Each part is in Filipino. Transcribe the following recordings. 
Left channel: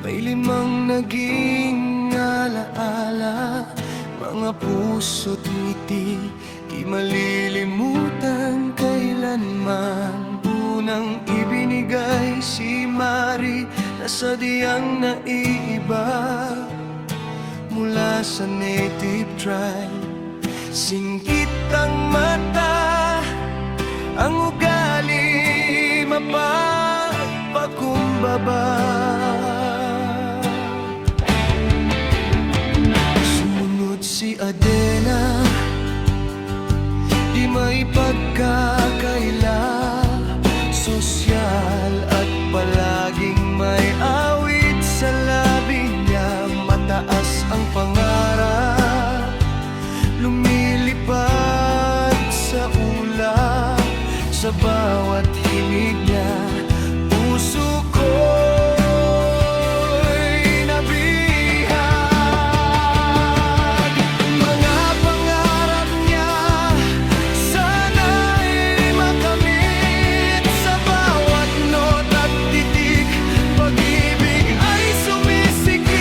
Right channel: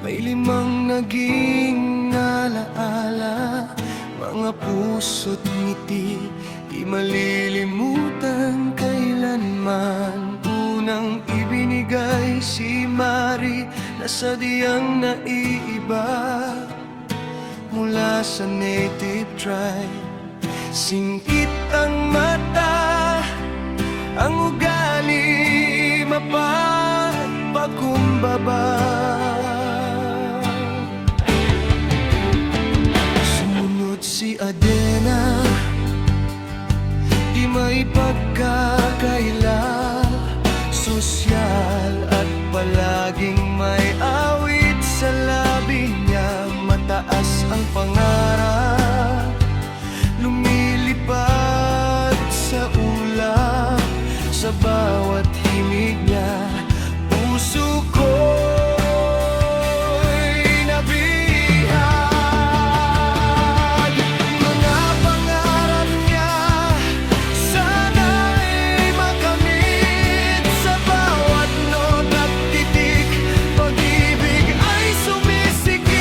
May limang naging alaala, mga puso't ngiti, di malilimutan kailanman. Unang ibinigay si Mari na sadyang naiiba mula sa native tribe. Singkit ang mata, ang ugali mapagpakumbaba. Sumunod si Adena, di may pagkakaila, sosyal at palaging may awit sa labi niya. Mataas ang pangarap, lumilipad sa ulap, sa bawat himig niya. Puso ko'y nabihag, mga pangarap niya sana'y makamit. Sa bawat not at titik, pag-ibig ay sumisikip.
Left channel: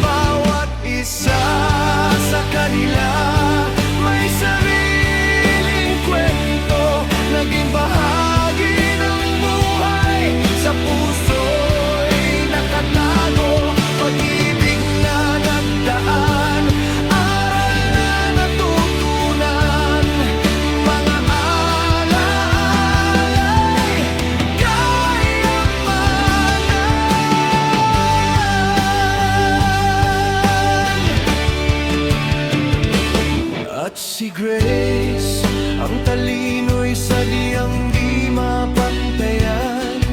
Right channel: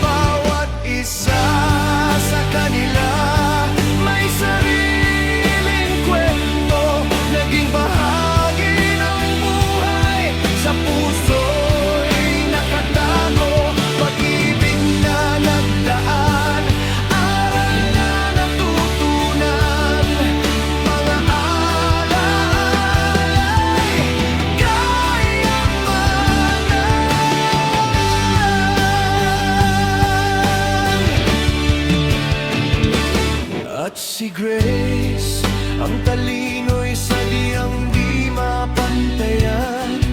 Bawat isa sa kanila may sariling kwento, naging bahagi ng buhay. Sa puso'y nakatago, pag-ibig na nagdaan, aral na natutunan, mga alaalay kayamanan. At si Grace, ang talino'y sadyang di mapantayan,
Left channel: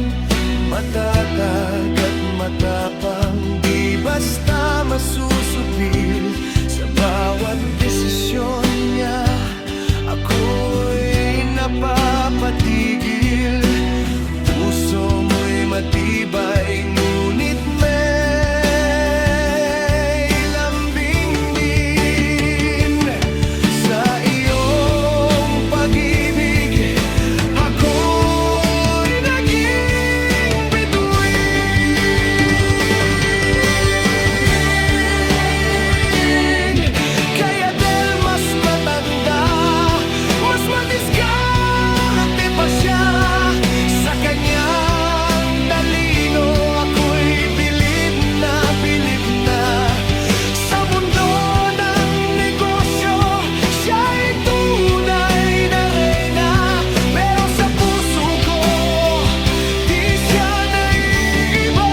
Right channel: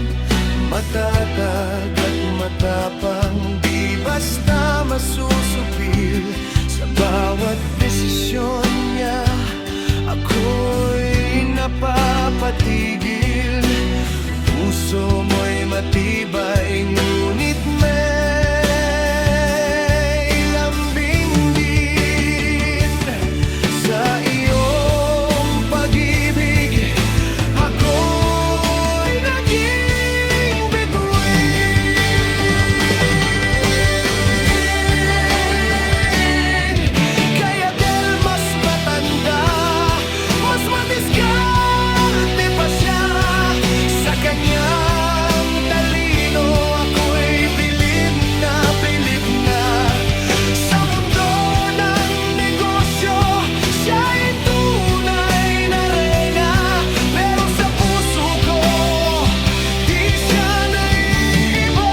matatag at matapang, di basta masusupil. Sa bawat desisyon niya, ako'y napapatigil. Puso mo'y matibay, ngunit may lambing din. Sa iyong pag-ibig, ako'y naging bituin. Kaya del mas matanda, mas madiskarte pa siya. Sa kanyang talino, ako'y bilib na bilib na. Sa mundo ng negosyo, siya'y tunay na reyna. Pero sa puso ko, di siya naiiba.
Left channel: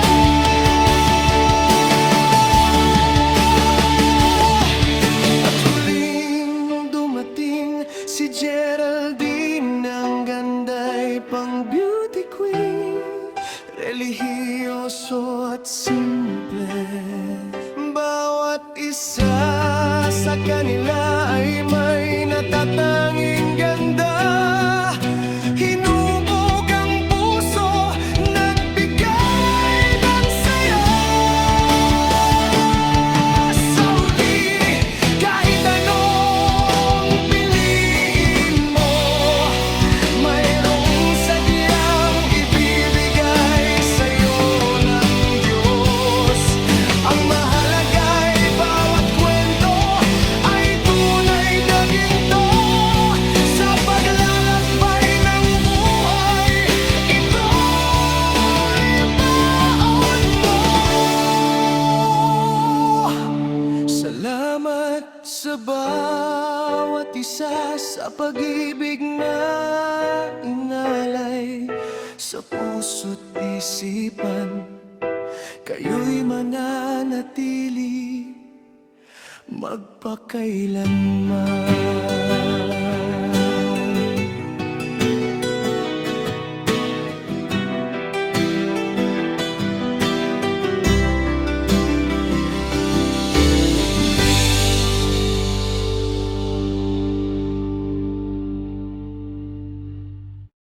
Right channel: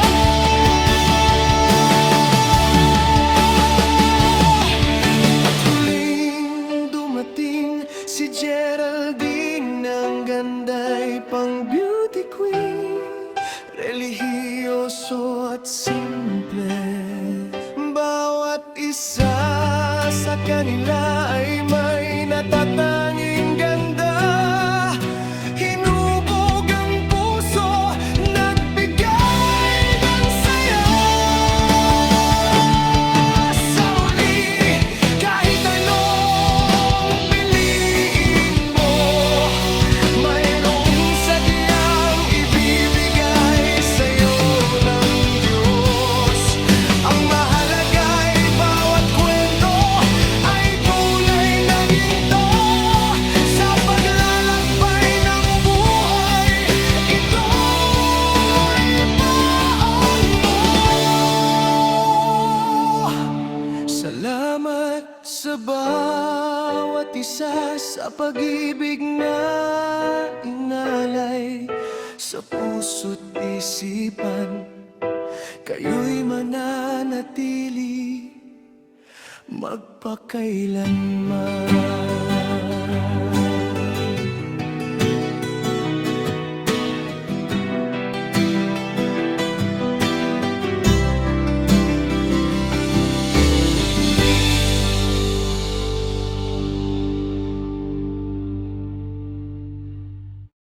At huling dumating si Geraldine, ang ganda'y pang beauty queen, relihiyoso at simple. Bawat isa sa kanila ay may natatanging ganda. Hinubog ang puso, nagbigay ng saya. Sa huli, kahit anong piliin mo, mayroong sadyang ibibigay sa'yo ng Diyos. Ang mahalaga'y bawat kwento ay tunay na ginto. Sa paglalakbay ng buhay, ito'y baon mo. Salamat sa bawat isa, sa pag-ibig na inalay. Sa puso't isipan, kayo'y mananatili magpakailanman.